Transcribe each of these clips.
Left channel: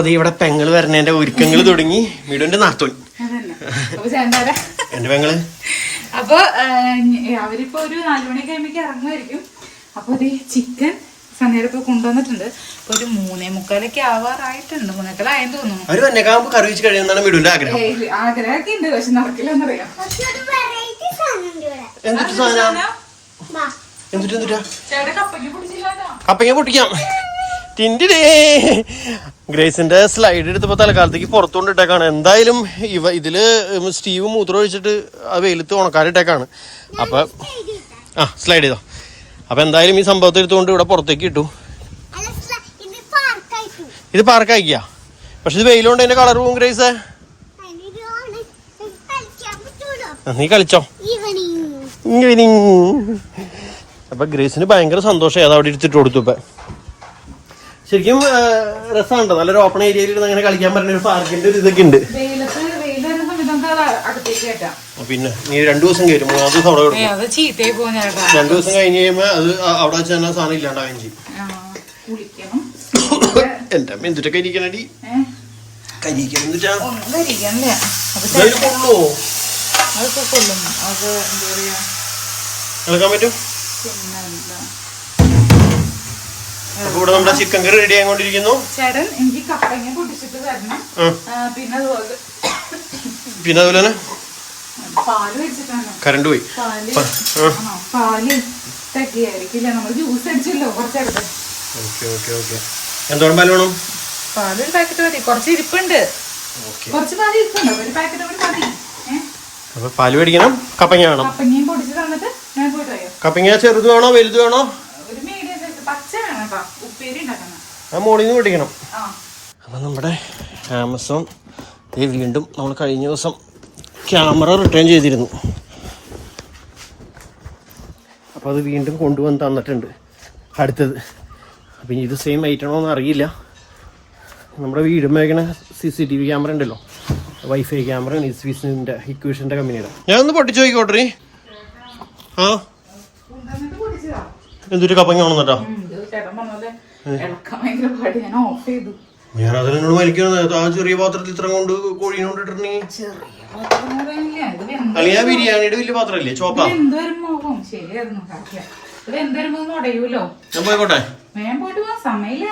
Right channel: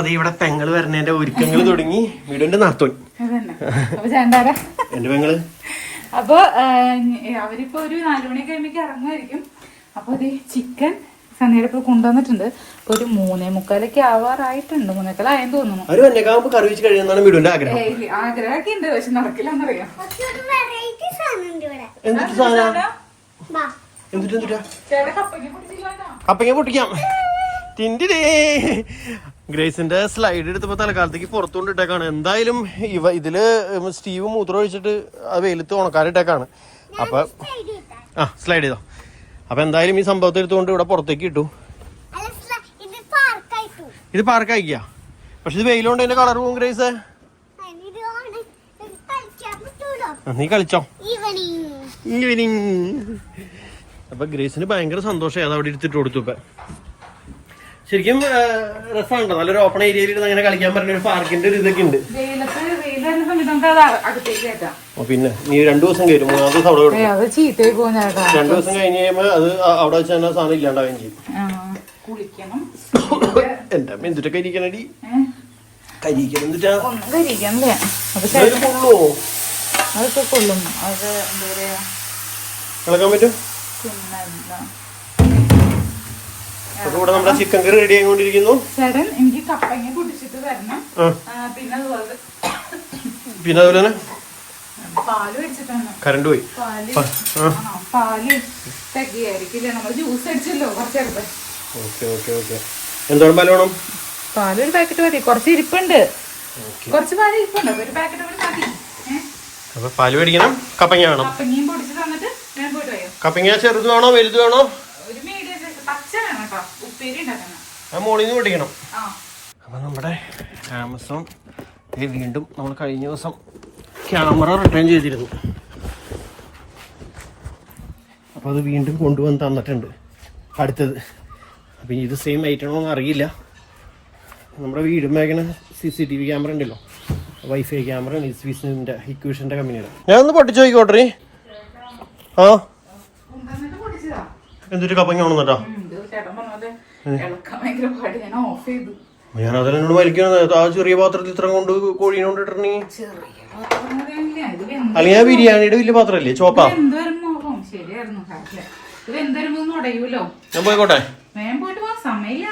അത് ഇവിടെ പെങ്ങൾ വരണേന്റെ ഒരുക്കങ്ങൾ തുടങ്ങി. വീടിന്റെ നാത്തോൻ. അതന്നെ. അപ്പൊ ചേണ്ടാരാ എന്റെ പെങ്ങൾ. അപ്പൊ അവരിപ്പോ ഒരു നാലുമണി കഴിയുമ്പോ ഇറങ്ങുമായിരിക്കും അപ്പൊ ഇത് ചിക്കൻ സന്ധ്യയുടെ ഇപ്പൊ കൊണ്ടുവന്നിട്ടുണ്ട്. ഇപ്പൊ ഒരു മൂന്നേ മുക്കാലൊക്കെ ആവാറായിട്ടുണ്ട്. മൂന്നേക്കാലായെന്ന് തോന്നുന്നു. അവർ വന്നേക്കാകുമ്പോ കറി വെച്ച് കഴിയുന്നതാണ് വീടിന്റെ ആഗ്രഹം. ആഗ്രഹമൊക്കെ ഉണ്ട് പക്ഷെ നടക്കില്ലെന്നറിയാം. എന്തിട്ട് സാധനം? എന്തിട്ട് എന്തിട്ടാ? കപ്പയ്ക്ക് പിടിച്ചില്ലാട്ടോ കപ്പങ്ങ പൊട്ടിക്കാം. ടിൻഡിടേ. ഗ്രേസിന്റെ സ്ലൈഡ് എടുത്തപ്പോ തലക്കാലത്തേക്ക് പുറത്തുകൊണ്ട് ഇട്ടേക്കാണ്. എന്തായാലും ഇവ ഇതിൽ സ്റ്റീവ് മൂത്രം ഒഴിച്ചിട്ട് ആ വെയിലത്ത് ഉണക്കാനിട്ടേക്കാണ് അപ്പൊ ആ സ്ലൈഡ് ചെയ്തോ. അപ്പൊ എന്തായാലും ഈ സംഭവത്തെ എടുത്തുകൊണ്ട് ഇവിടെ പുറത്തേക്ക് ഇട്ടു. ഇത് പാർക്കായിക്കാ. പക്ഷെ ഇത് വെയിലുകൊണ്ട് അതിന്റെ കളർ പോകും ഗ്രേസ്? നീ കളിച്ചോ. ഈവനിങ്. അപ്പൊ ഗ്രേസിന് ഭയങ്കര സന്തോഷം അത് അവിടെ എടുത്തിട്ട് കൊടുത്തു ഇപ്പൊ. ശരിക്കും രസമുണ്ടോ? നല്ലൊരു ഓപ്പൺ ഏരിയയിൽ ഇരുന്ന് അങ്ങനെ കളിക്കാൻ പറ്റുന്ന ഒരു പാർക്കിന്റെ ഒരു ഇതൊക്കെ ഉണ്ട്. പിന്നെ നീ രണ്ടു ദിവസം കയറ്റും. മൂന്നാം ദിവസം അവിടെ കൊടുക്കും. രണ്ടു ദിവസം കഴിഞ്ഞ് കഴിയുമ്പോ അത് അവിടെ വെച്ച് തന്നെ സാധനം ഇല്ലാണ്ടാവുകയും ചെയ്യും. എന്റെ അമ്മ എന്തിട്ടൊക്കെ ഇരിക്കണടി കരിക്കണം എന്നിട്ടാ കൊള്ളുവോ ഇളക്കാൻ പറ്റും? അപ്പൊ ഇവിടെ നമ്മുടെ ചിക്കൻ കറി റെഡി ആയിക്കൊണ്ടിരിക്കുന്നു. ചേട്ടൻ എനിക്ക് കപ്പങ്ങ പൊട്ടിച്ചിട്ട് തരണം പിന്നെ അതുപോലെ പിന്നെ അതുപോലെ തന്നെ കറണ്ട് പോയി. പാൽ. തികയായിരിക്കില്ല. നമ്മൾ ജ്യൂസ് അടിച്ചല്ലോ കുറച്ചെടുത്ത്. Okay okay okay. എന്തോളം പാൽ വേണം? പാക്കറ്റ് മതി. കുറച്ച് ഇരിപ്പുണ്ട്. കുറച്ച് പാൽ ഇരിപ്പുണ്ട്. അപ്പൊ ഒരു പാക്കറ്റ് കൂടി മതി. അപ്പൊ പാൽ മേടിക്കണം കപ്പങ്ങ വേണം. കപ്പങ്ങയും പൊടിച്ച് തന്നിട്ട് കപ്പങ്ങ ചെറുത് വേണോ വലുത് വേണോ ഒരു മീഡിയം സൈസ് പച്ച വേണം കേട്ടോ ഉപ്പേരി ഉണ്ടാക്കണം ആ മോളിൽ നിന്ന് മേടിക്കണം ആ. അപ്പം നമ്മുടെ ആമസോൺ ദേ വീണ്ടും നമ്മൾ കഴിഞ്ഞ ദിവസം ക്യാമറ റിട്ടേൺ ചെയ്തിരുന്നു. അപ്പോൾ അത് വീണ്ടും കൊണ്ടുവന്ന് തന്നിട്ടുണ്ട്. അടുത്തത്. അപ്പം ഇത് സെയിം ഐറ്റമാണോ എന്ന് അറിയില്ല. നമ്മുടെ വീടുമ്പേക്കണ C C T V camera ഉണ്ടല്ലോ. വൈഫൈ ക്യാമറ നിസ്വിസിന്റെ ഇക്വേഷന്റെ കമ്പനിയുടെ ഞാൻ ഒന്ന് പൊട്ടിച്ച് നോക്കിക്കോട്ടെ ആ. എന്തൊരു കപ്പങ്ങ വേണമെന്നോ ഉം, ഇത് ചേട്ടൻ പറഞ്ഞത് ഇളക്കാൻ ഭയങ്കര പാട് ഞാൻ ഓഫ് ചെയ്തു. ഞാൻ വലിക്കുന്നത് ആ ചെറിയ പാത്രത്തിൽ ഇത്ര കൊണ്ട് കോഴീനെ കൊണ്ടിട്ടിരുന്നീ ചെറിയ പാത്രം ഇത് വെന്ത് അല്ലെങ്കിൽ ബിരിയാണിയുടെ വലിയ പാത്രമല്ലേ? ചോപ്പാ ശരിയായിരുന്നു. ഇത് ഒന്നും ഉടയൂലോ ഞാൻ പോയിക്കോട്ടെ. വേഗം പോയിട്ട് പോകാൻ സമയമില്ല.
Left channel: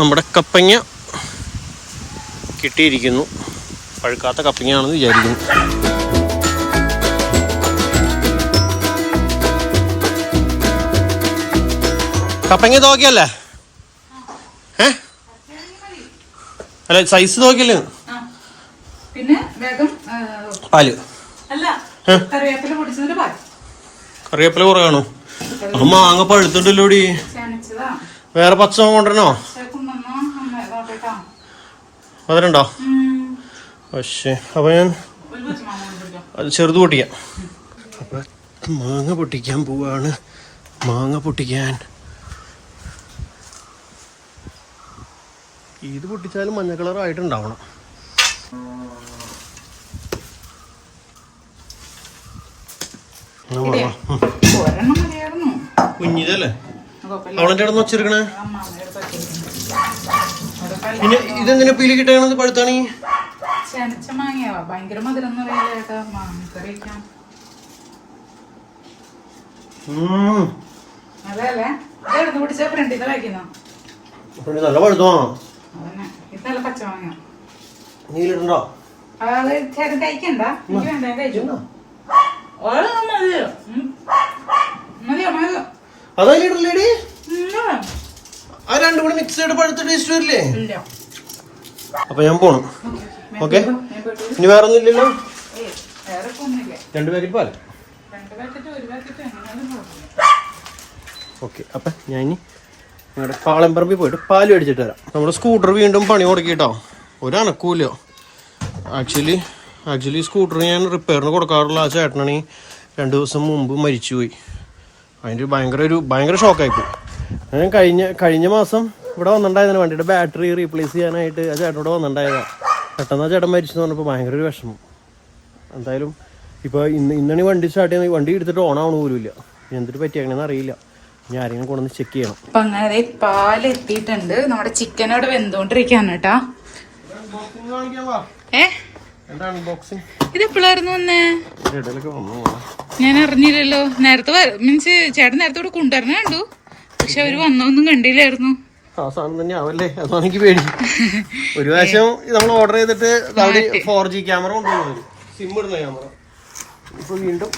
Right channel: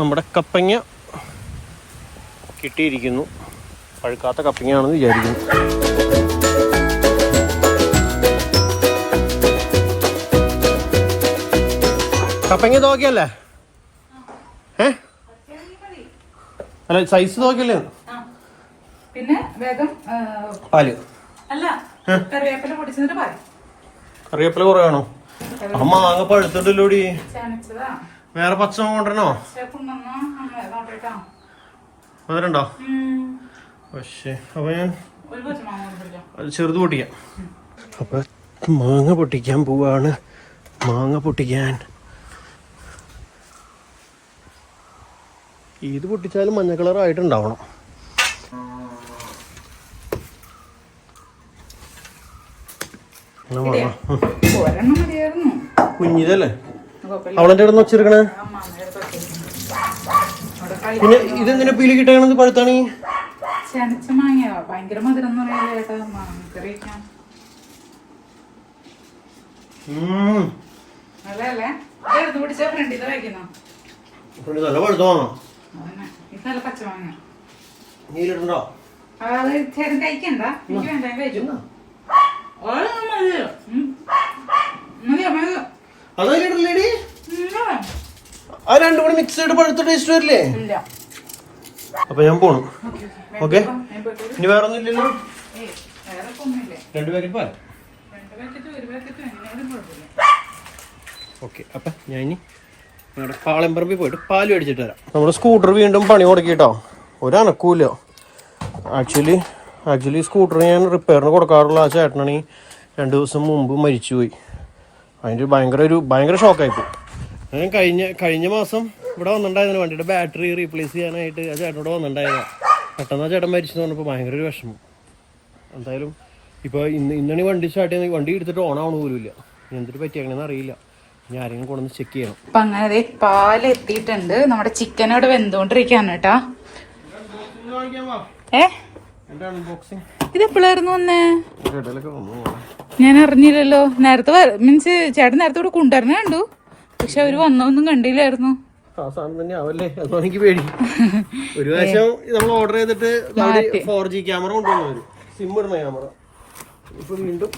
നമ്മുടെ കപ്പങ്ങ കിട്ടിയിരിക്കുന്നു. പഴുക്കാത്ത കപ്പങ്ങയാണെന്ന് വിചാരിക്കുന്നു. കപ്പങ്ങ നോക്കിയല്ലേ ഏ? അല്ല സൈസ് നോക്കിയല്ലേ പാൽ. കറിവേപ്പില കുറവാണോ? അമ്മ മാങ്ങ പഴുത്തുണ്ടല്ലോടി വേറെ പച്ച കൊണ്ടുവരണോ? അതിലുണ്ടോ പക്ഷേ അപ്പോൾ ഞാൻ അത് ചെറുത് പൊട്ടിക്കാം. അപ്പൊ മാങ്ങ പൊട്ടിക്കാൻ പോവാണ്. മാങ്ങ പൊട്ടിക്കാൻ. ഇത് പൊട്ടിച്ചാലും മഞ്ഞ മതിയായിരുന്നു. കുഞ്ഞിതല്ലേ? അവളെ അവളെന്റെ ഇടന്ന് വെച്ചിരിക്കണേ അമ്മാമ്മയുടെ പറ്റില്ല. അത് കഴി- പിന്നെ ഇതെന്തിനാ പീലി കിട്ടണത് പഴുത്താണ്? ചനച്ച മാങ്ങയാ. ഭയങ്കര മധുരം എന്ന് പറയാ ചേട്ടാ മാങ്ങ കറി വെക്കാം. ഉം. അതല്ലേ അതെടുത്ത് പിടിച്ച ഫ്രണ്ടിൽ വയ്ക്കുന്ന പിന്നെ നല്ല പഴുത്തോ അതന്നെ. ഇത് നല്ല പച്ചമാങ്ങ നീലിട്ടുണ്ടോ അത് ചേട്ടൻ കഴിക്കണ്ട. എനിക്ക് വേണ്ട കഴിച്ചു. മതിയോ. മതിയോ മതിയോ. ആ രണ്ടും കൂടി മിക്സ് ചെയ്ത് പഴുത്ത ടേസ്റ്റ് വരില്ലേ? ഇല്ല. അപ്പൊ ഞാൻ പോണു. ഓക്കെ. ഇനി വേറെ ഒന്നും ഇല്ലല്ലോ? രണ്ട് പാക്കറ്റ് പാൽ ഓക്കെ അപ്പം ഞാൻ ഇനി ഞങ്ങളുടെ പാളംപറമ്പിൽ പോയിട്ട് പാൽ മേടിച്ചിട്ട് വരാം. നമ്മുടെ സ്കൂട്ടർ വീണ്ടും പണി കൊടുക്കിട്ടോ ഒരനക്കൂല്ലോ ആക്ച്വലി ആക്ച്വലി സ്കൂട്ടർ ഞാൻ റിപ്പയറിന് കൊടുക്കാറുള്ള ആ ചേട്ടനാണ് രണ്ട് ദിവസം മുമ്പ് മരിച്ചുപോയി. അതിന്റെ ഭയങ്കര ഒരു ഭയങ്കര ഷോക്കായിപ്പോയി ഞാൻ കഴിഞ്ഞ കഴിഞ്ഞ മാസം ഇവിടെ വന്നിട്ടുണ്ടായിരുന്നു വണ്ടിയുടെ ബാറ്ററി റീപ്ലേസ് ചെയ്യാനായിട്ട് ആ ചേട്ടനോട് വന്നിട്ടുണ്ടായതാ. പെട്ടെന്ന് ആ ചേട്ടൻ മരിച്ചെന്ന് പറഞ്ഞപ്പോൾ ഭയങ്കര ഒരു വിഷമം. എന്തായാലും ഇപ്പോൾ ഇന്ന് ഇന്നാണ് വണ്ടി സ്റ്റാർട്ട് ചെയ്യുന്നത് വണ്ടി എടുത്തിട്ട് ഓൺ ആവണ പോലും ഇല്ല. എന്തിട്ട് പറ്റിയാണെന്ന് അറിയില്ല. ഞാൻ ആരെങ്കിലും കൊണ്ടുവന്ന് ചെക്ക് ചെയ്യണം. അപ്പൊ അങ്ങനെ പാൽ എത്തിയിട്ടുണ്ട്. നമ്മുടെ ചിക്കൻ അവിടെ വെന്തോണ്ടിരിക്കാണ് കേട്ടാ. ഏ? അൺബോക്സിങ് ഇത് എപ്പോഴായിരുന്നു വന്നു? ഞാൻ അറിഞ്ഞില്ലല്ലോ. നേരത്തെ മീൻസ് ചേട്ടൻ നേരത്തെ ഇവിടെ കൊണ്ടുവരണേ കണ്ടു. പക്ഷെ അവർ വന്നൊന്നും കണ്ടില്ലായിരുന്നു. ആ സാധനം തന്നെ ആവല്ലേ? അതാണ് എനിക്ക് പേടി. ഒരു പ്രാവശ്യം നമ്മൾ ഓർഡർ ചെയ്തിട്ട് ഫോർ ജി ക്യാമറ കൊണ്ടുവന്നു സിം ഇടുന്ന ക്യാമറ ഇപ്പൊ വീണ്ടും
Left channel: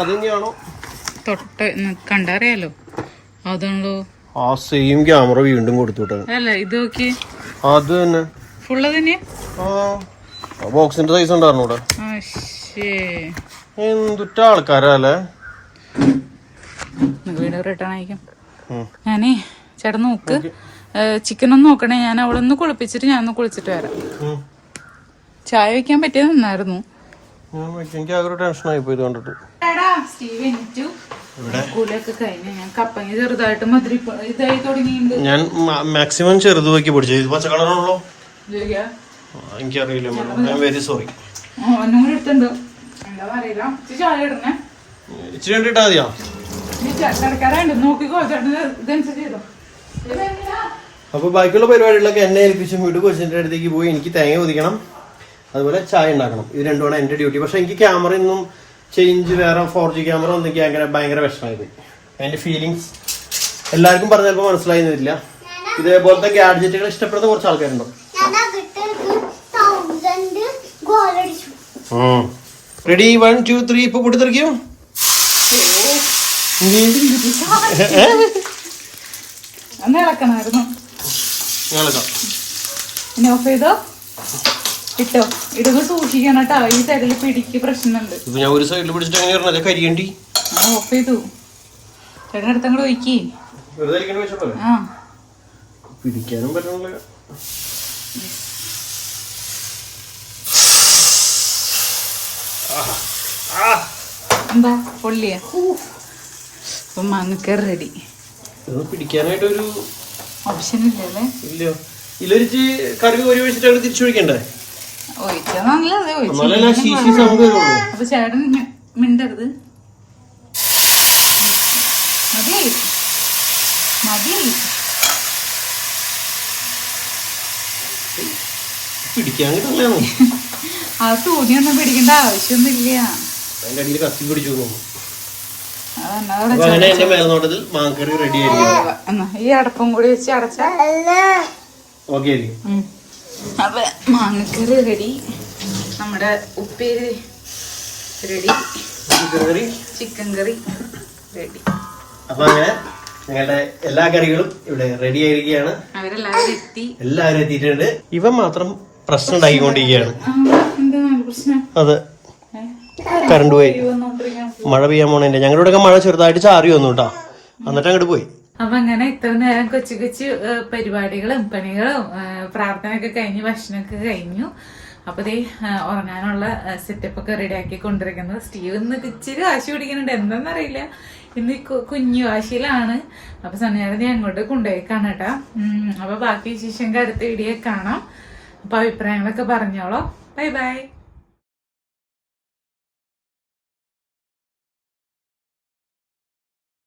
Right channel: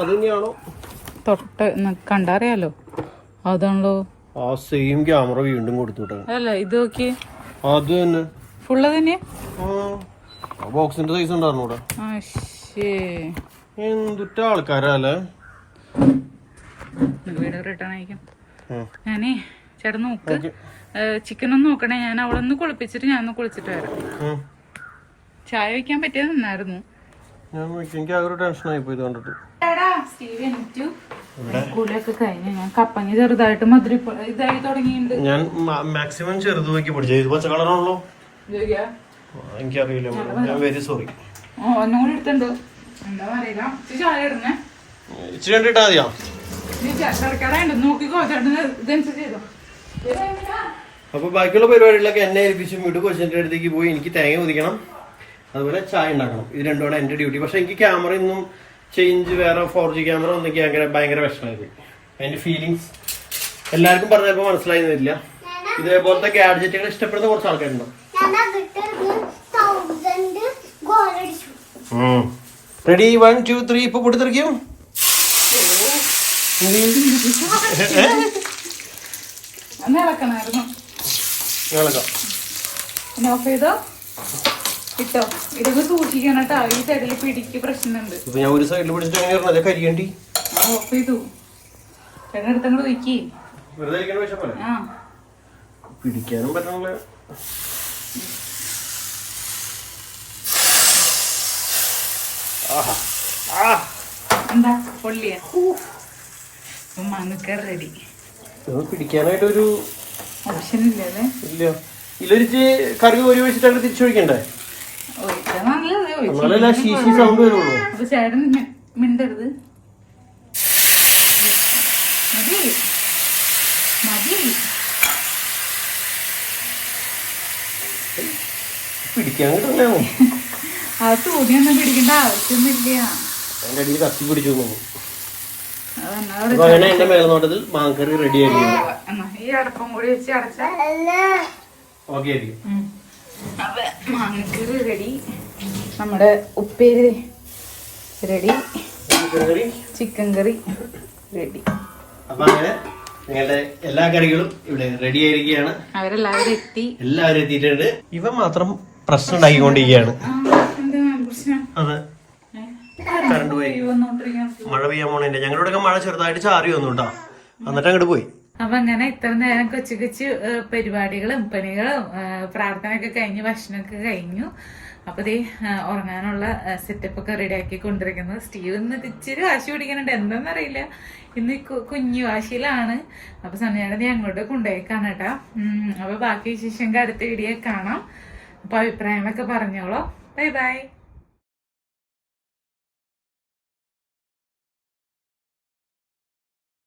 അത് തന്നെയാണോ? തൊട്ട് കണ്ടറിയാലോ. അതാണല്ലോ. ആ സെയിം ക്യാമറ വീണ്ടും കൊടുത്തു അല്ലേ ഇത് നോക്കി. അത് തന്നെ. ഫുള്ള് തന്നെയാ? ആ ബോക്സിന്റെ സൈസ് ഉണ്ടായിരുന്നു ഇവിടെ. എന്തുറ്റ ആൾക്കാരല്ലേ വീണ്ടും റിട്ടേൺ അയക്കും. ഞാനേ ചേട്ടൻ നോക്ക്. ചിക്കൻ ഒന്ന് നോക്കണേ. ഞാൻ അവളെ ഒന്ന് കുളിപ്പിച്ചിട്ട് ഞാൻ ഒന്ന് കുളിച്ചിട്ട് വരാം. ചായ വെക്കാൻ പറ്റിയത് നന്നായിരുന്നു. ഞാൻ മാക്സിമം ചെറുത് നോക്കി പിടിച്ചു. ഇത് പച്ച കളറാണല്ലോ? എനിക്കറിയില്ല മാഡം. ഞാൻ വെരി സോറി ഇച്ചിരി കണ്ടിട്ടാ മതിയോ? നോക്കിക്കോ ഇതനുസരിച്ച് ചെയ്തോ? അപ്പൊ ബാക്കിയുള്ള പരിപാടികളൊക്കെ എന്നെ ഏൽപ്പിച്ചും വീട് കൊച്ചിന്റെ അടുത്തേക്ക് പോയി എനിക്ക് തേങ്ങ ഒതിക്കണം അതുപോലെ ചായ ഉണ്ടാക്കണം. ഇത് രണ്ടുമാണ് എന്റെ ഡ്യൂട്ടി. പക്ഷെ എനിക്ക് ക്യാമറ ഒന്നും ചേഞ്ച് വേറെ ഫോർ ജി ക്യാമറ ഒന്നും എനിക്ക് ഭയങ്കര ഭയങ്കര വിഷമമായി പോയി. അതിന്റെ ഫീലിങ്സ് എല്ലാവർക്കും പറഞ്ഞപ്പോൾ വരില്ല. ഇതേപോലത്തെ ഗാഡ്ജറ്റുകൾ ഇഷ്ടപ്പെടുന്ന കുറച്ച് ആൾക്കാരുണ്ടോ? റെഡി വൺ ടു ത്രീ ഇപ്പൊ പൊട്ടിത്തെറിക്കും ഒന്ന് ഇളക്കണമായിരുന്നു ഞങ്ങളൊക്കെ ഇനി ഓഫ് ചെയ്തോ ഇട്ടോ? ഇടുമ്പോ സൂക്ഷിക്കണം കേട്ടോ. ഈ സൈഡിൽ പിടിക്ക് പ്രശ്നമുണ്ട്. ഇപ്പൊ ഞാൻ ഒരു സൈഡിൽ പിടിച്ചിട്ട് എങ്ങനെ പറഞ്ഞത് കരിയണ്ടി. ഓഫ് ചെയ്തു. ചേട്ടൻ ഒഴിക്കി വെറുതെ ഇരിക്കേണ്ട വിഷമല്ലേ ആ. പിടിക്കാനും പറ്റണല്ലോ. എന്താ? പൊള്ളിയ. അപ്പൊ മാങ്ങക്കറി റെഡി പിടിക്കാനായിട്ടൊരു ഓപ്ഷൻ ഇല്ലല്ലേ? ഇല്ല. ഇതിലൊരിച്ച് കറി ഒരു വെച്ചിട്ട് തിരിച്ചൊഴിക്കണ്ടേ അപ്പൊ ചേട്ടൻ മിണ്ടരുത്. മതി മതി പിടിക്കാൻ അത് പിടിക്കേണ്ട ആവശ്യമൊന്നുമില്ല. അടിയിൽ കത്തി പിടിച്ചു അങ്ങനെ എന്റെ മേൽനോട്ടത്തിൽ മാങ്കറി റെഡി ആയിരിക്കും ഈ അടപ്പും കൂടി വെച്ച് അടച്ച? ഓക്കെ ആയിരിക്കും. അപ്പൊ മാങ്ങക്കറി റെഡി നമ്മുടെ ഉപ്പേരി ready chicken curry. Chicken curry ready അപ്പൊ അങ്ങനെ നിങ്ങളുടെ എല്ലാ കറികളും ഇവിടെ റെഡി ആയിരിക്കുകയാണ്. അവരെല്ലാവരും എത്തി. എല്ലാവരും എത്തിയിട്ടുണ്ട്. ഇവ മാത്രം പ്രശ്നം ഉണ്ടാക്കിക്കൊണ്ടിരിക്കുകയാണ്. അതെ? കറണ്ട് പോയി. മഴ പെയ്യാൻ പോണേന്റെ. ഞങ്ങളുടെ ഒക്കെ മഴ ചെറുതായിട്ട് ചാറി വന്നു കേട്ടോ എന്നിട്ട് അങ്ങോട്ട് പോയി. അപ്പൊ അങ്ങനെ ഇത്ര നേരം കൊച്ചു കൊച്ചു പരിപാടികളും പണികളും പ്രാർത്ഥനയൊക്കെ കഴിഞ്ഞു ഭക്ഷണമൊക്കെ കഴിഞ്ഞു. അപ്പൊ ദേ ഉറങ്ങാനുള്ള സെറ്റപ്പ് ഒക്കെ റെഡി ആക്കി കൊണ്ടിരിക്കുന്നത് സ്റ്റീവ് ഇന്ന് ഇച്ചിരി വാശി പിടിക്കുന്നുണ്ട്. എന്താണെന്നറിയില്ല ഇന്ന് കുഞ്ഞു വാശിയിലാണ്. അപ്പൊ സന്യാരം നീ അങ്ങോട്ട് കൊണ്ടുപോയിക്കാണ് കേട്ടാ അപ്പൊ ബാക്കി വിശേഷം അടുത്ത വീഡിയോ കാണാം. അപ്പൊ അഭിപ്രായങ്ങളൊക്കെ പറഞ്ഞോളോ. Bye bye.